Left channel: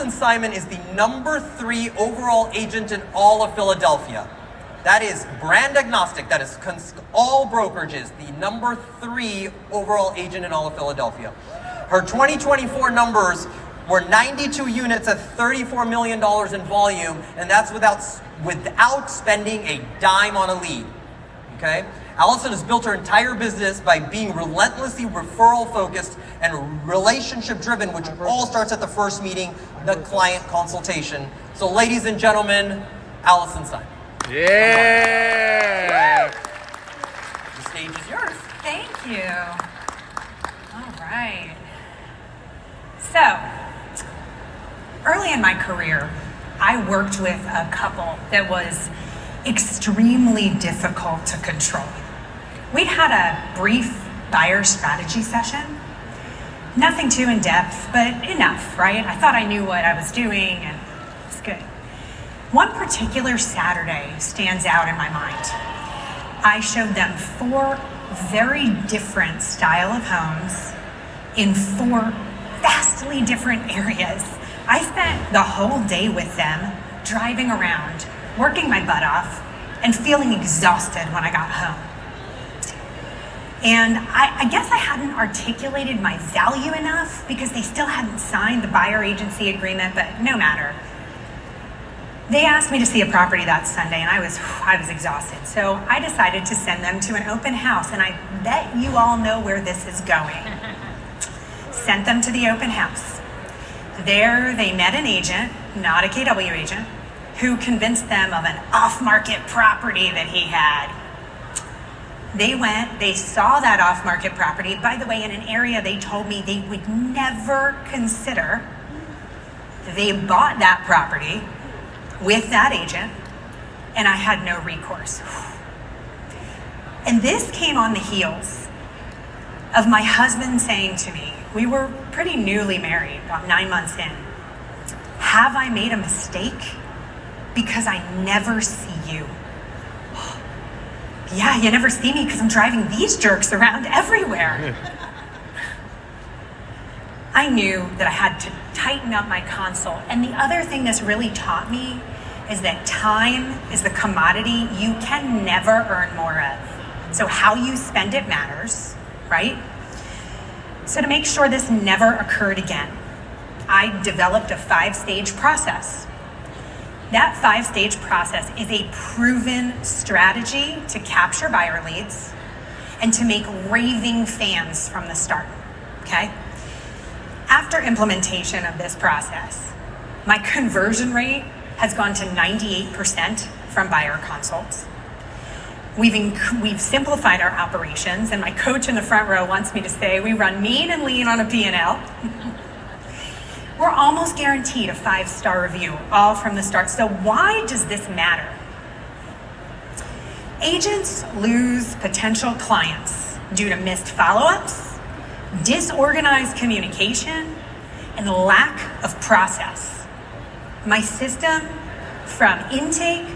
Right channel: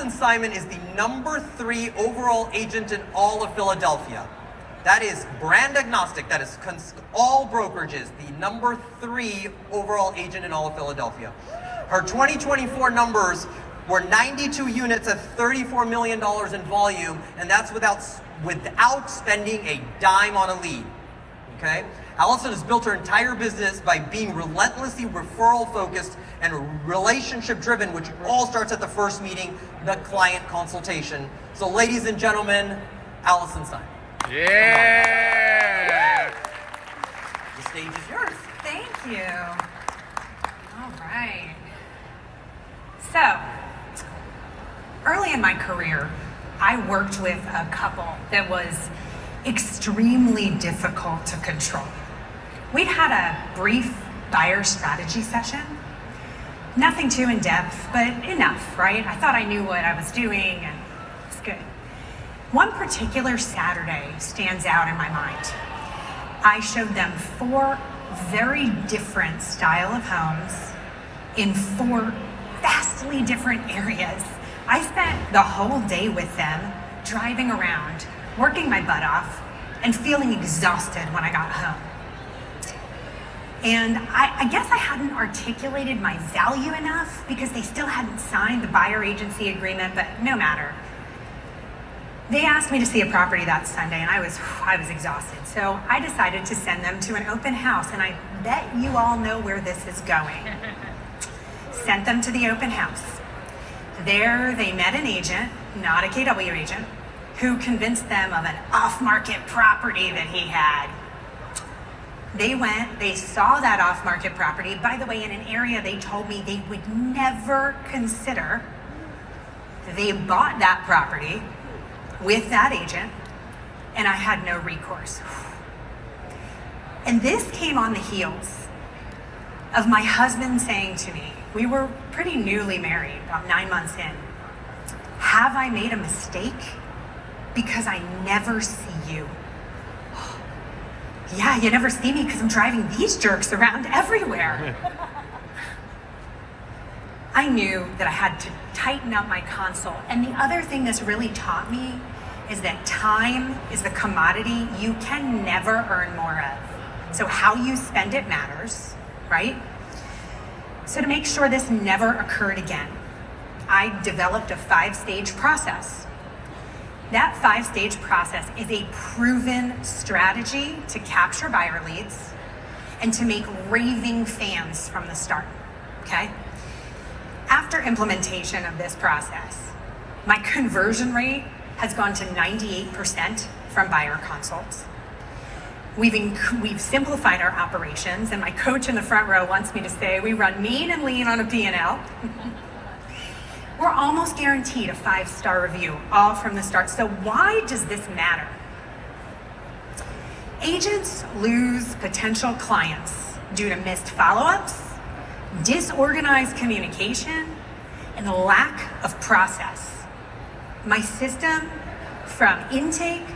Alison Simon is the #3 overall agent in all of Philadelphia. That is brand agnostic, that is all brokerages, the #3 overall agent in all of Philadelphia. Her 2024 numbers were 92 units at $34 million in volume, and that's without spending a dime on a lead, okay? Alison has built her entire business by being relentlessly referral focused and relationship driven, which all starts at the first meeting, the client consultation. So ladies and gentlemen, Alison Simon. Yeah! The stage is yours. Thank you. All right. So, early in my career, I worked with a couple that was extremely difficult to control. We'd had a brief buyer strategy session. Nothing too in-depth, but enough, right? I thought I knew what I was doing and it was good. One particular Saturday stands out in my mind. I showed them 4 very different style of homes in 4 vastly different areas. I spent the whole day with them, driving around, working my butt off, and feeling exhausted when I got home. And I guess I hadn't articulated my value enough because they still hadn't signed the buyer agency agreement, but no matter. They asked me to see a property that Sunday, and I was exhausted. So I decided to send them to an open house, and I bet you all know where this is going. Sent them to the open house. There they met an agent, not a KW agent, who convinced them of an off-market property that he had. They went, they saw that off-market property, by the way, in an area they told me they would never consider. They bought that property with that agent, and I had no recourse. And this came on the heels of my husband saying to me, we were pretty newly married, about 9 months in, have I made a mistake? Because I never see you. Yeah, you never see me because I'm driving these jerks around everywhere. I knew that I had to tighten up my consult. And the other thing this really taught me is that time is the commodity you can never earn more of. So how you spend it matters, right? So to make sure this never occurred again, I developed a 5-stage process. That 5-stage process is a proven strategy to capture buyer leads and to make raving fans from the start, okay? After implementation of this process, my conversion rate has gone to 98% from buyer consults. We've simplified our operations, and my coach in the front row wants me to say we run mean and lean on a P&L. We're almost guaranteed a 5-star review, all from the start. So why does this matter? Agents lose potential clients due to missed follow-ups, disorganized communication, and lack of process. My system, from intake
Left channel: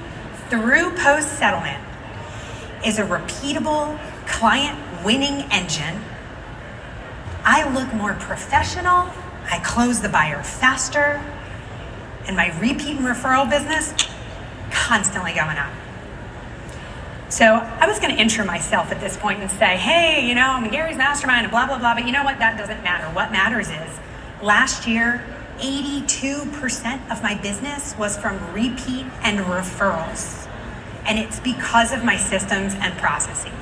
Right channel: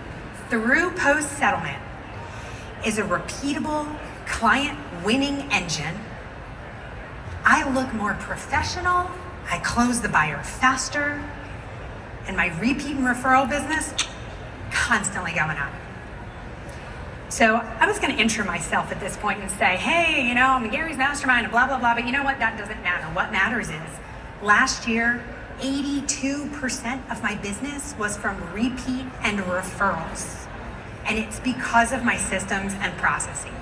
through post-settlement, is a repeatable client-winning engine. I look more professional, I close the buyer faster, and my repeat and referral business constantly going up. So I was going to intro myself at this point and say, hey, you know, I'm Gary's mastermind and blah, blah, blah, but you know what? That doesn't matter. What matters is last year, 82% of my business was from repeat and referrals. And it's because of my systems and processes.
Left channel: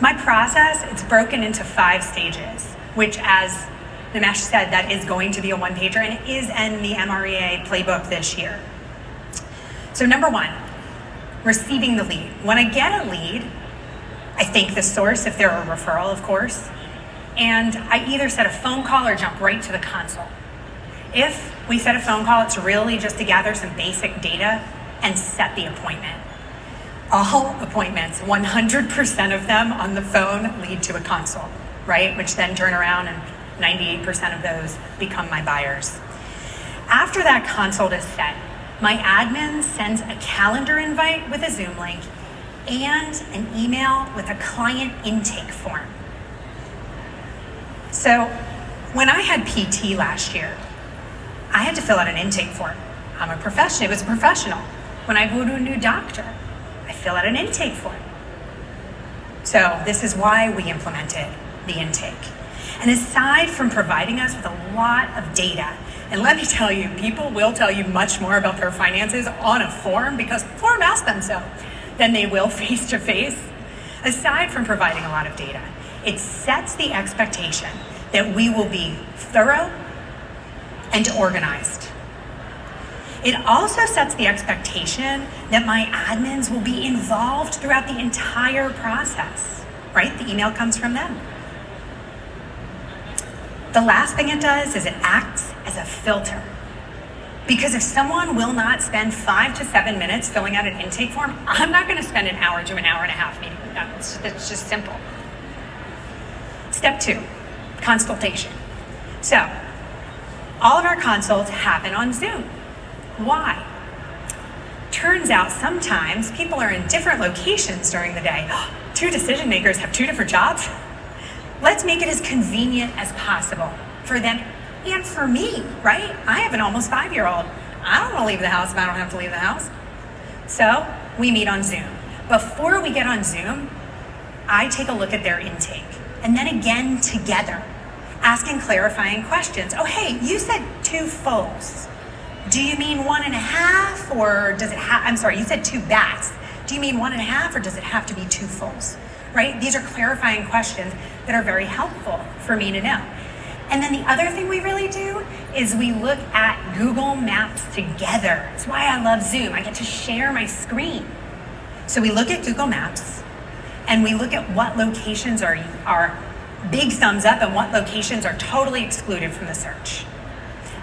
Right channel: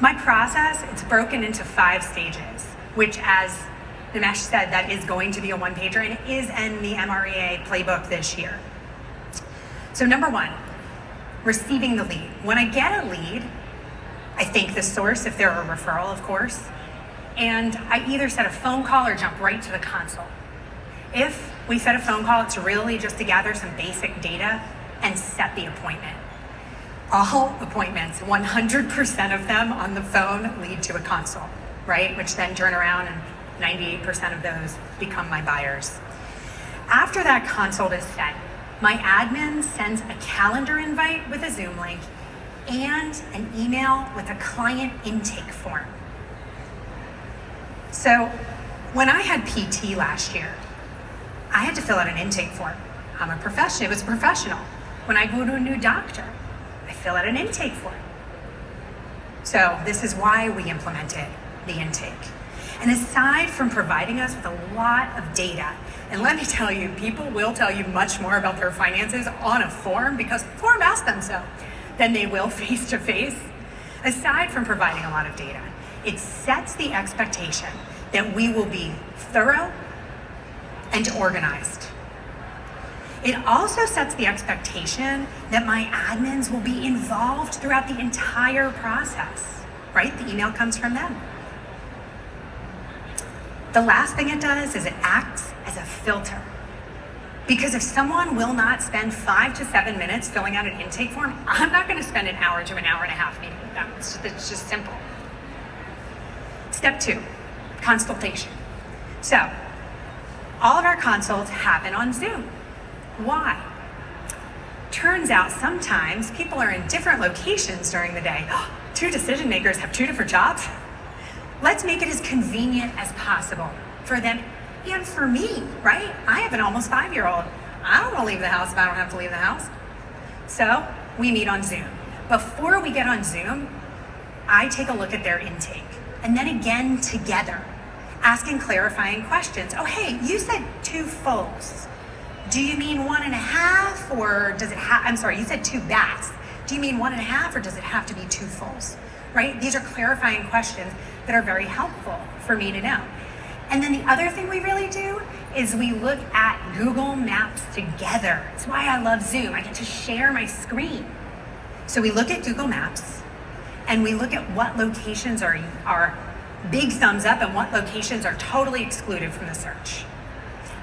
My process, it's broken into 5 stages, which, as Nimesh said, that is going to be a 1-pager, and it is in the MREA playbook this year. So number 1, receiving the lead. When I get a lead, I thank the source if they're a referral, of course, and I either set a phone call or jump right to the consult. If we set a phone call, it's really just to gather some basic data and set the appointment. All appointments, 100% of them on the phone lead to a consult, right? Which then turn around and 98% of those become my buyers. After that consult is set, my admin sends a calendar invite with a Zoom link and an email with a client intake form. So When I had PT last year, I had to fill out an intake form. I'm a professional, it was a professional. When I go to a new doctor, I fill out an intake form. So this is why we implemented the intake. And aside from providing us with a lot of data, and let me tell you, people will tell you much more about their finances on a form because form asks them so, than they will face to face. Aside from providing a lot of data, it sets the expectation that we will be thorough and organized. It also sets the expectation that my admins will be involved throughout the entire process, right? The email comes from them. The last thing it does is it acts as a filter. Because if someone will not spend 5 to 7 minutes filling out an intake form, I'm not gonna spend an hour to an hour and a half meeting with them. It's just simple. Step 2, consultation. So, all of our consults happen on Zoom. Why? Turns out sometimes people are in different locations during the day. 2 decision makers have 2 different jobs. Let's make it as convenient as possible for them and for me, right? I have an almost 5-year-old. I don't want to leave the house if I don't have to leave the house. So we meet on Zoom. Before we get on Zoom, I take a look at their intake. And then again together, asking clarifying questions. Oh, hey, you said 2 fulls. Do you mean 1.5 or does it have, I'm sorry, you said 2 baths. Do you mean 1.5 or does it have to be 2 fulls? Right? These are clarifying questions that are very helpful for me to know. And then the other thing we really do is we look at Google Maps together. That's why I love Zoom. I get to share my screen. So we look at Google Maps and we look at what locations are big thumbs up and what locations are totally excluded from the search.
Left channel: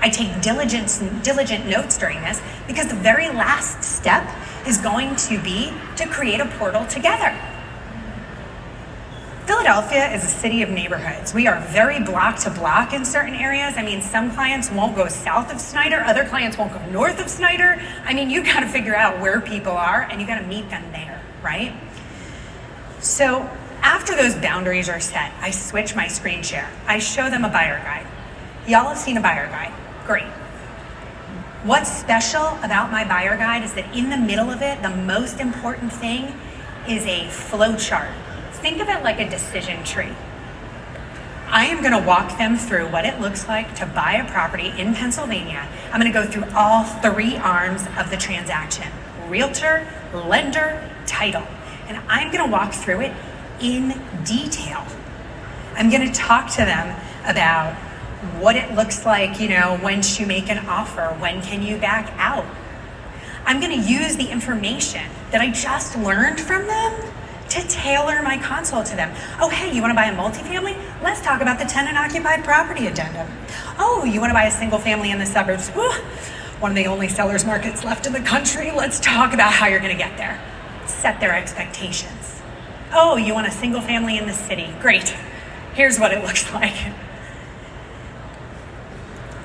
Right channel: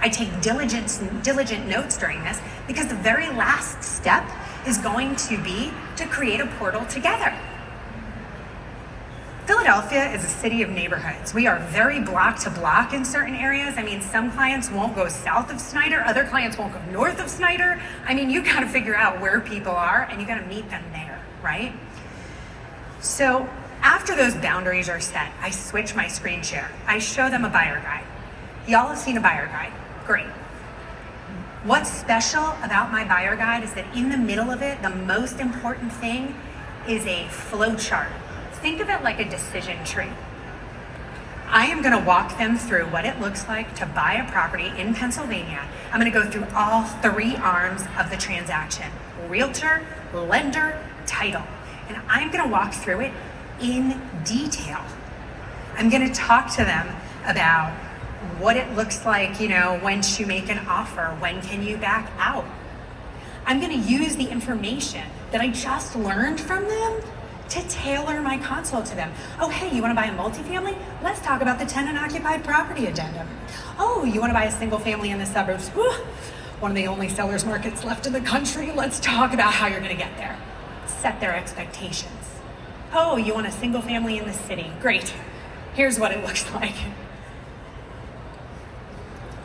I take diligent notes during this because the very last step is going to be to create a portal together. Philadelphia is a city of neighborhoods. We are very block to block in certain areas. I mean, some clients won't go south of Snyder, other clients won't go north of Snyder. I mean, you gotta figure out where people are and you gotta meet them there, right? So after those boundaries are set, I switch my screen share. I show them a buyer guide. Y'all have seen a buyer guide, great. What's special about my buyer guide is that in the middle of it, the most important thing is a flow chart. Think of it like a decision tree. I am gonna walk them through what it looks like to buy a property in Pennsylvania. I'm gonna go through all 3 arms of the transaction: realtor, lender, title. And I'm gonna walk through it in detail. I'm gonna talk to them about what it looks like, once you make an offer, when can you back out? I'm gonna use the information that I just learned from them to tailor my consult to them. Oh, hey, you wanna buy a multifamily? Let's talk about the tenant-occupied property addendum. Oh, you wanna buy a single family in the suburbs? Whew, one of the only seller's markets left in the country. Let's talk about how you're gonna get there. Set their expectations. Oh, you want a single family in the city? Great, here's what it looks like.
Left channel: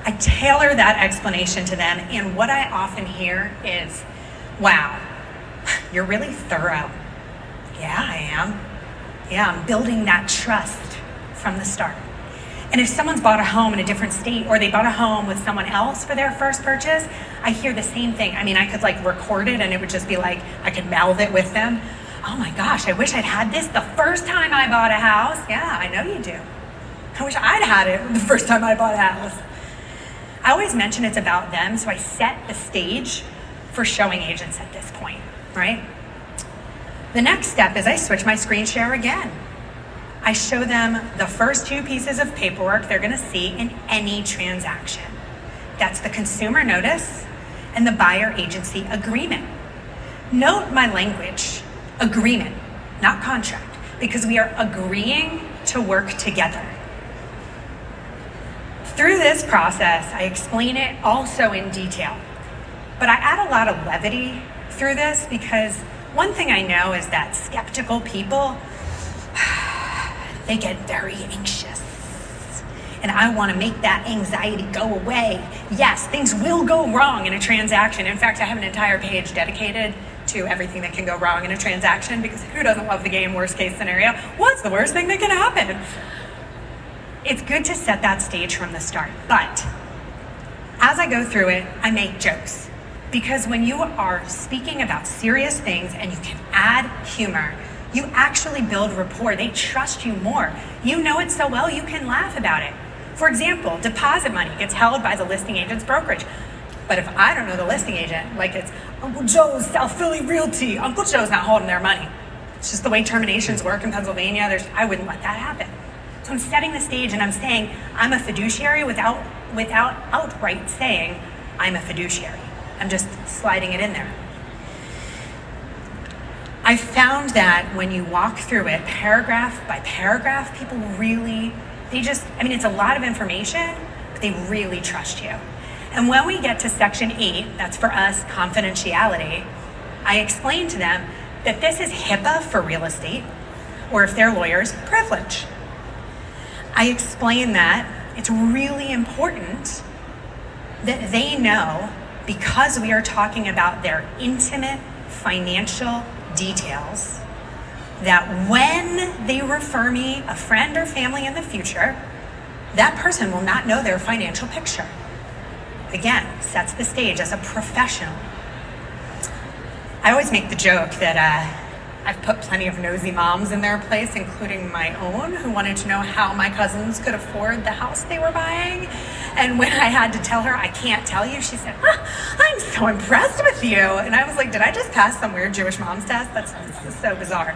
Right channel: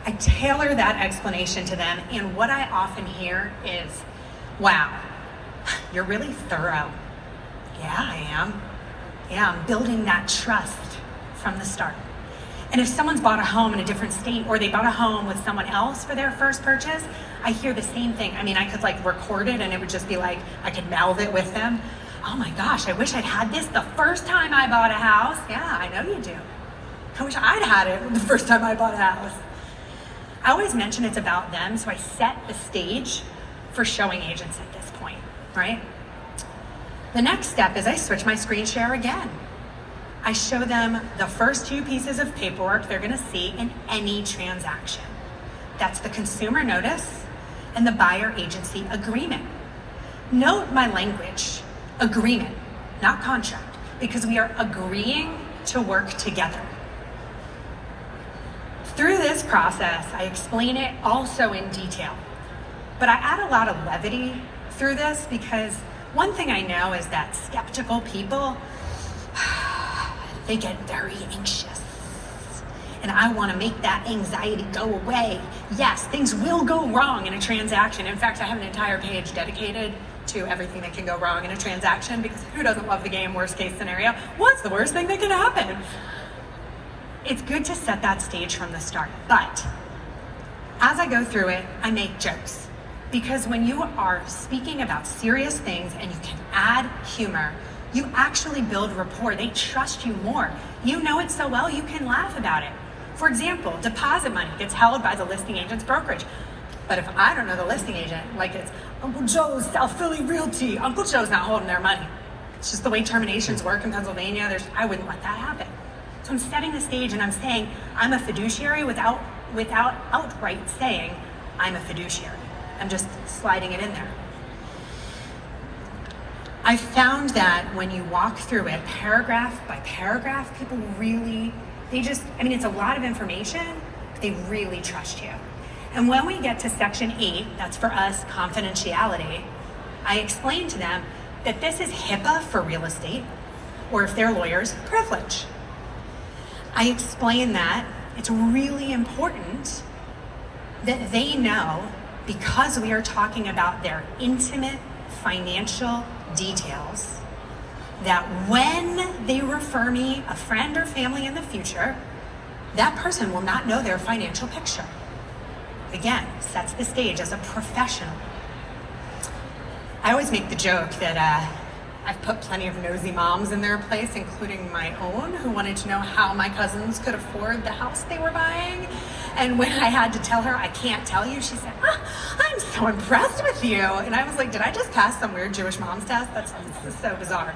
I tailor that explanation to them, and what I often hear is, wow, you're really thorough. Yeah, I am. Yeah, I'm building that trust from the start. And if someone's bought a home in a different state or they bought a home with someone else for their first purchase, I hear the same thing. I mean, I could record it and it would just be like, I could mouth it with them. Oh my gosh, I wish I'd had this the first time I bought a house. Yeah, I know you do. I wish I'd had it the first time I bought a house. I always mention it's about them, so I set the stage for showing agents at this point, right? The next step is I switch my screen share again. I show them the first 2 pieces of paperwork they're gonna see in any transaction. That's the consumer notice and the buyer agency agreement. Note my language, agreement, not contract, because we are agreeing to work together. Through this process, I explain it also in detail, but I add a lot of levity through this because one thing I know is that skeptical people, they get very anxious. And I want to make that anxiety go away. Yes, things will go wrong in a transaction. In fact, I have an entire page dedicated to everything that can go wrong in a transaction because who doesn't love the game worst case scenario? What's the worst thing that can happen? it's good to set that stage from the start. But as I go through it, I make jokes. Because when you are speaking about serious things and you can add humor, you actually build rapport. They trust you more. You know it so well, you can laugh about it. For example, deposit money gets held by the listing agent's brokerage. But if I don't know the listing agent, like it's Uncle Joe's South Philly Realty, Uncle Joe's not holding their money. It's just the way terminations work in Pennsylvania. I wouldn't let that happen. So I'm setting the stage and I'm saying I'm a fiduciary without outright saying I'm a fiduciary. I'm just sliding it in there. I found that when you walk through it paragraph by paragraph, people really, it's a lot of information, but they really trust you. And when we get to section 8, that's for us confidentiality, I explain to them that this is HIPAA for real estate, or if they're lawyers, privilege. I explain that it's really important that they know, because we are talking about their intimate financial details, that when they refer me a friend or family in the future, that person will not know their financial picture. Again, sets the stage as a professional. I always make the joke that I've put plenty of nosy moms in their place, including my own, who wanted to know how my cousins could afford the house they were buying. And when I had to tell her, I can't tell you, she said, I'm so impressed with you. And I was like, did I just pass some weird Jewish mom's test? This is so bizarre.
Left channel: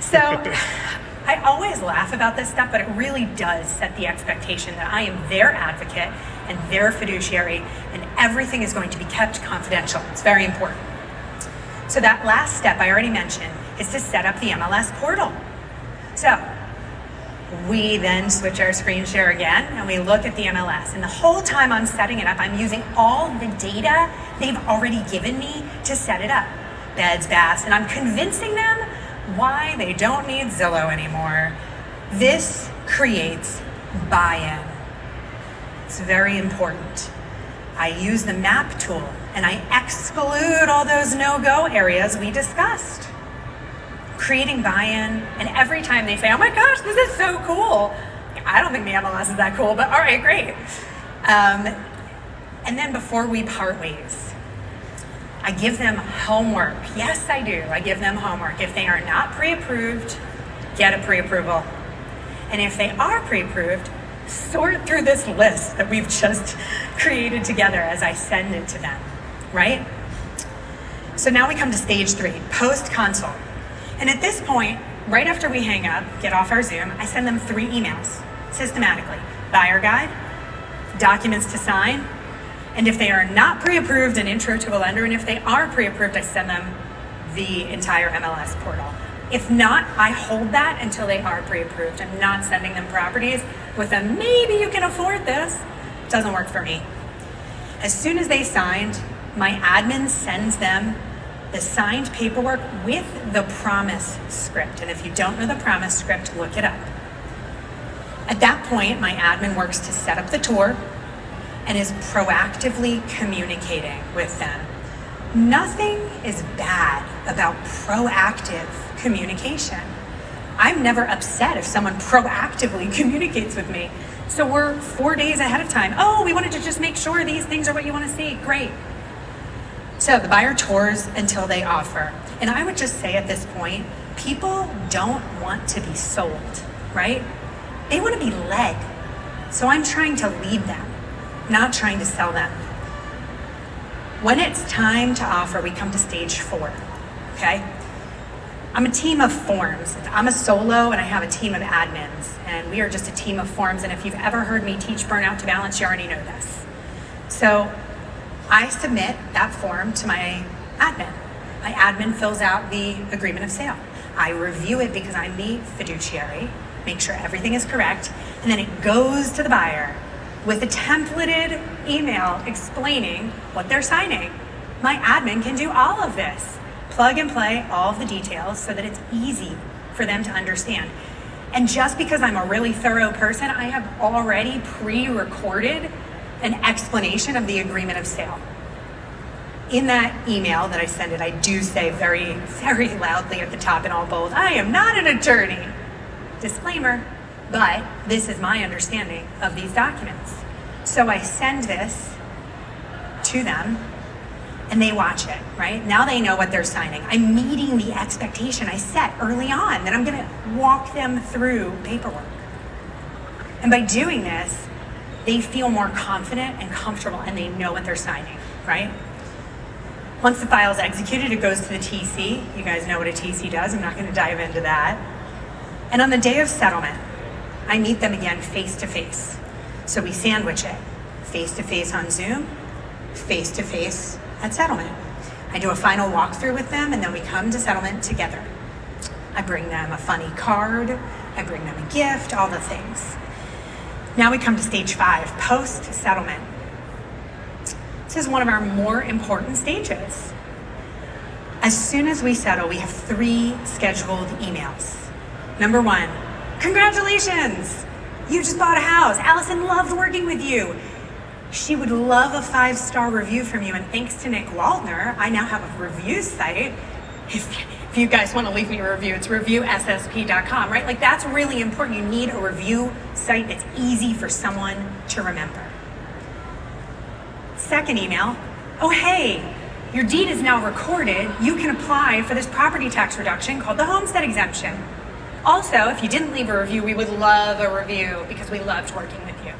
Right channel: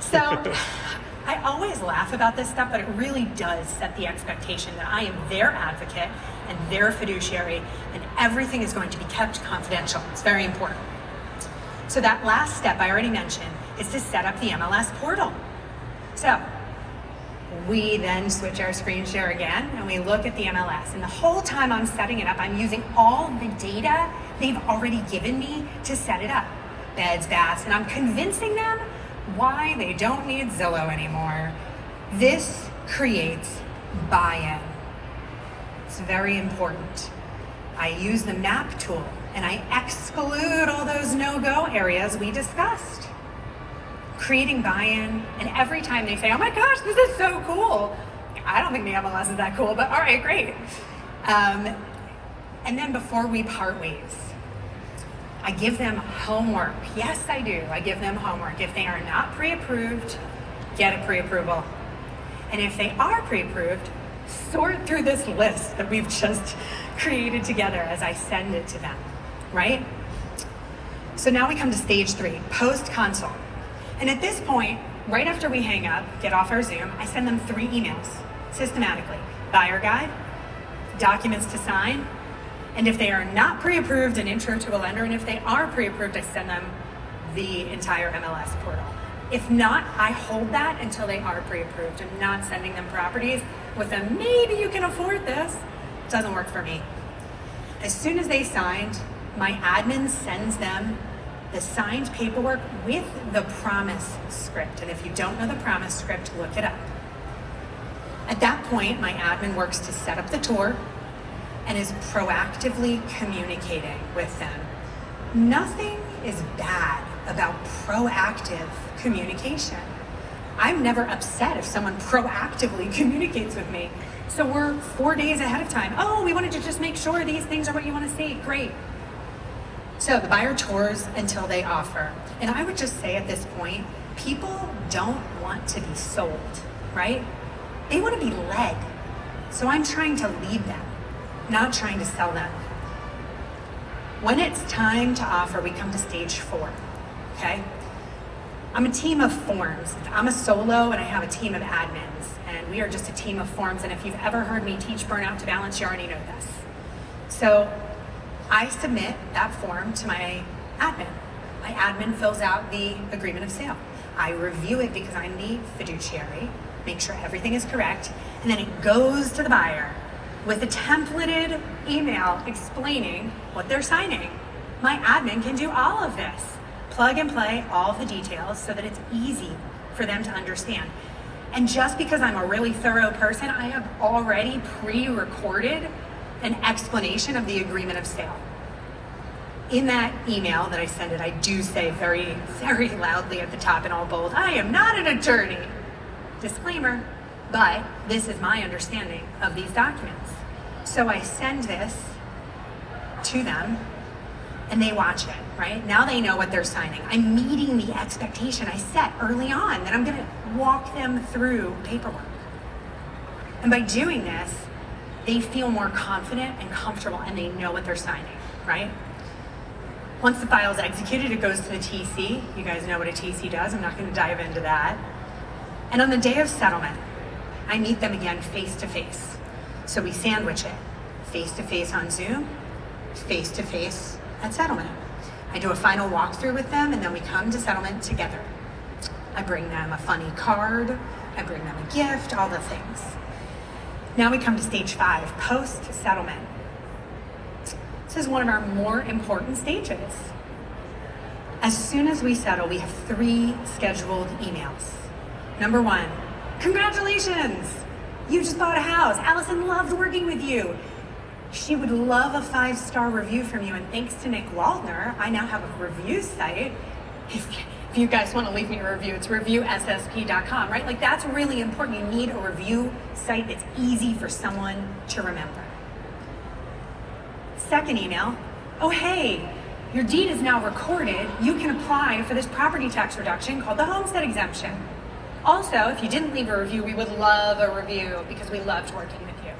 So I always laugh about this stuff, but it really does set the expectation that I am their advocate and their fiduciary, and everything is going to be kept confidential. It's very important. So that last step I already mentioned is to set up the MLS portal. So we then switch our screen share again and we look at the MLS. And the whole time I'm setting it up, I'm using all the data they've already given me to set it up. Beds, baths, and I'm convincing them why they don't need Zillow anymore. This creates buy-in. It's very important. I use the map tool and I exclude all those no-go areas we discussed. Creating buy-in, and every time they say, oh my gosh, this is so cool. I don't think the MLS is that cool, but all right, great. And then before we part ways, I give them homework. Yes, I do. I give them homework. If they are not pre-approved, get a pre-approval. And if they are pre-approved, sort through this list that we've just created together as I send it to them, right? So now we come to stage 3, post-consult. And at this point, right after we hang up, get off our Zoom, I send them 3 emails systematically. Buyer guide, documents to sign, and if they are not pre-approved, an intro to a lender, and if they are pre-approved, I send them the entire MLS portal. If not, I hold that until they are pre-approved. I'm not sending them properties with a maybe you can afford this. It doesn't work for me. As soon as they signed, my admin sends them the signed paperwork with the promise script. And if you don't know the promise script, look it up. At that point, my admin works to set up the tour and is proactively communicating with them. Nothing is bad about proactive communication. I'm never upset if someone proactively communicates with me. So we're 4 days ahead of time. Oh, we wanted to just make sure these things are what you want to see. Great. So the buyer tours until they offer. And I would just say at this point, people don't want to be sold, right? They want to be led. So I'm trying to lead them, not trying to sell them. When it's time to offer, we come to stage 4, okay? I'm a team of forms. I'm a solo and I have a team of admins, and we are just a team of forms. And if you've ever heard me teach Burnout to Balance, you already know this. So I submit that form to my admin. My admin fills out the agreement of sale. I review it because I'm the fiduciary, make sure everything is correct, and then it goes to the buyer with a templated email explaining what they're signing. My admin can do all of this. Plug and play all of the details so that it's easy for them to understand. And just because I'm a really thorough person, I have already pre-recorded an explanation of the agreement of sale. In that email that I send it, I do say very, very loudly at the top in all bold, I am not an attorney. Disclaimer, But this is my understanding of these documents. So I send this to them and they watch it, right? Now they know what they're signing. I'm meeting the expectation I set early on that I'm gonna walk them through paperwork. And by doing this, they feel more confident and comfortable and they know what they're signing, right? Once the file is executed, it goes to the TC. You guys know what a TC does. I'm not gonna dive into that. And on the day of settlement, I meet them again face-to-face. So we sandwich it, face-to-face on Zoom, face-to-face at settlement. I do a final walkthrough with them and then we come to settlement together. I bring them a funny card, I bring them a gift, all the things. Now we come to stage 5, post-settlement. This is one of our more important stages. As soon as we settle, we have 3 scheduled emails. Number 1, congratulations! You just bought a house. Allison loved working with you. She would love a 5-star review from you, and thanks to Nick Waldner, I now have a review site. If you guys want to leave me a review, it's reviewssp.com, right? Like, that's really important. You need a review site that's easy for someone to remember. Second email, oh hey, your deed is now recorded. You can apply for this property tax reduction called the homestead exemption. Also, if you didn't leave a review, we would love a review because we loved working with you.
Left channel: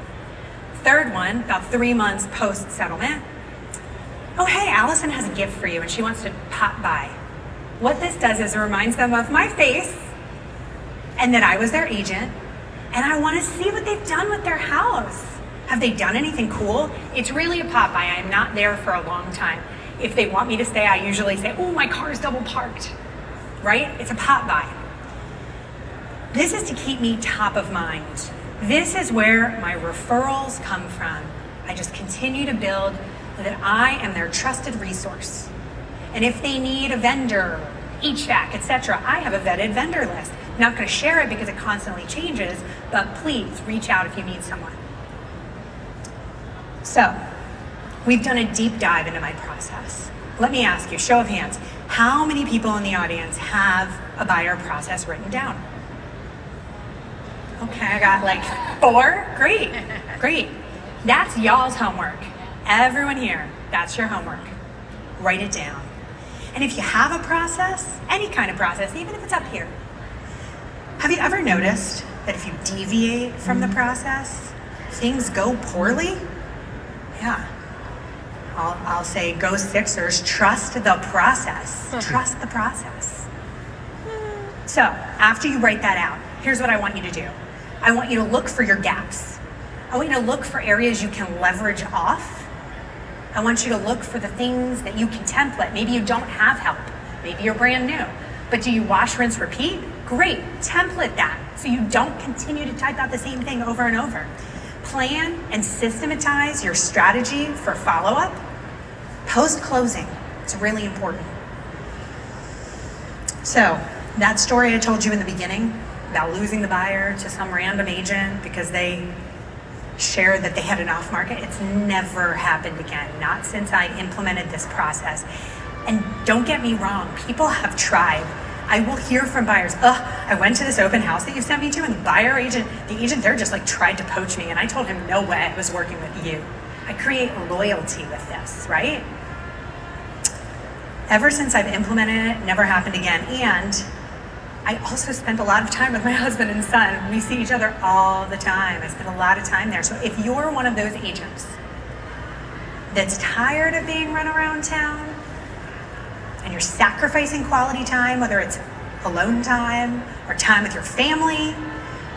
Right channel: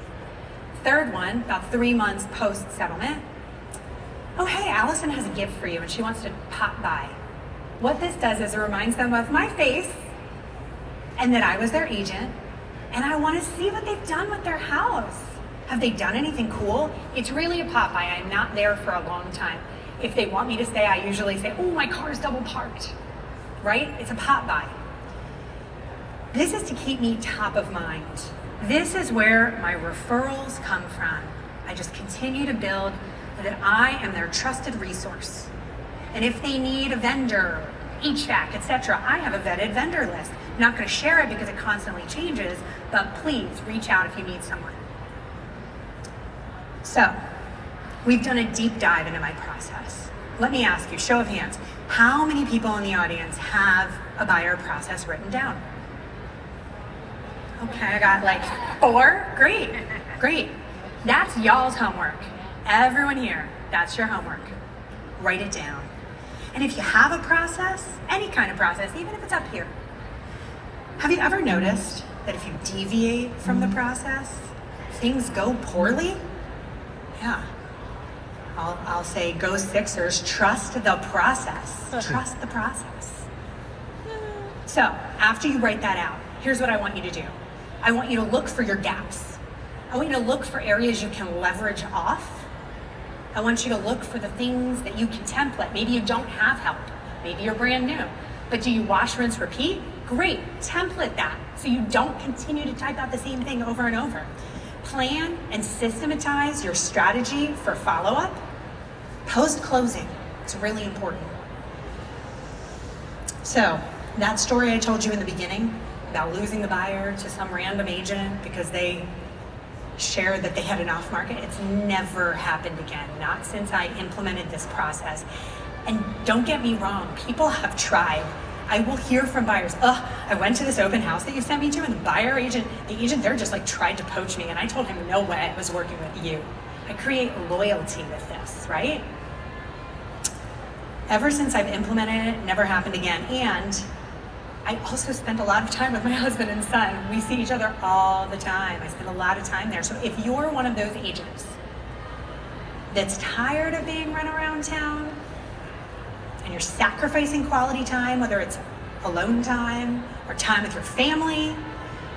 Third one, about 3 months post-settlement. Oh, hey, Allison has a gift for you and she wants to pop by. What this does is it reminds them of my face and that I was their agent and I want to see what they've done with their house. Have they done anything cool? It's really a pop by. I'm not there for a long time. If they want me to stay, I usually say, oh, my car's double parked, right? It's a pop by. This is to keep me top of mind. This is where my referrals come from. I just continue to build that I am their trusted resource. And if they need a vendor, HVAC, etc., I have a vetted vendor list. I'm not going to share it because it constantly changes, but please reach out if you need someone. So, we've done a deep dive into my process. Let me ask you, show of hands, how many people in the audience have a buyer process written down? Okay, I got like 4. Great, great. That's y'all's homework. Everyone here, that's your homework. Write it down. And if you have a process, any kind of process, even if it's up here, have you ever noticed that if you deviate from the process, things go poorly? Yeah. I'll say, go Sixers, trust the process. Trust the process. So, after you write that out, here's what I want you to do. I want you to look for your gaps. I want you to look for areas you can leverage off. I want you to look for the things that you can template. Maybe you don't have help. Maybe you're brand new. But do you wash, rinse, repeat? Great, template that so you don't continue to type out the same thing over and over. Plan and systematize your strategy for follow-up. Post-closing, it's really important. So, that story I told you in the beginning about losing the buyer to some random agent because they shared that they had an off-market, it's never happened again, not since I implemented this process. And don't get me wrong, people have tried. I will hear from buyers, I went to this open house that you sent me to and the agent there just like tried to poach me and I told him no way, I was working with you. I create loyalty with this, right? Ever since I've implemented it, never happened again. And I also spent a lot of time with my husband and son. We see each other all the time. I spend a lot of time there. So if you're one of those agents that's tired of being run around town and you're sacrificing quality time, whether it's alone time or time with your family,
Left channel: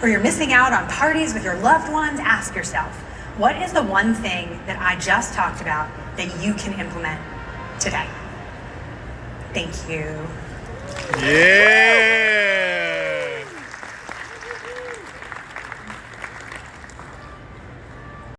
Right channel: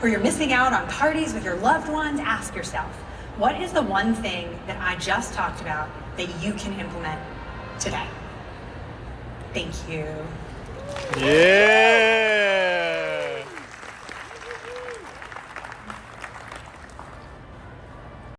or you're missing out on parties with your loved ones, ask yourself, what is the one thing that I just talked about that you can implement today? Thank you. Yeah.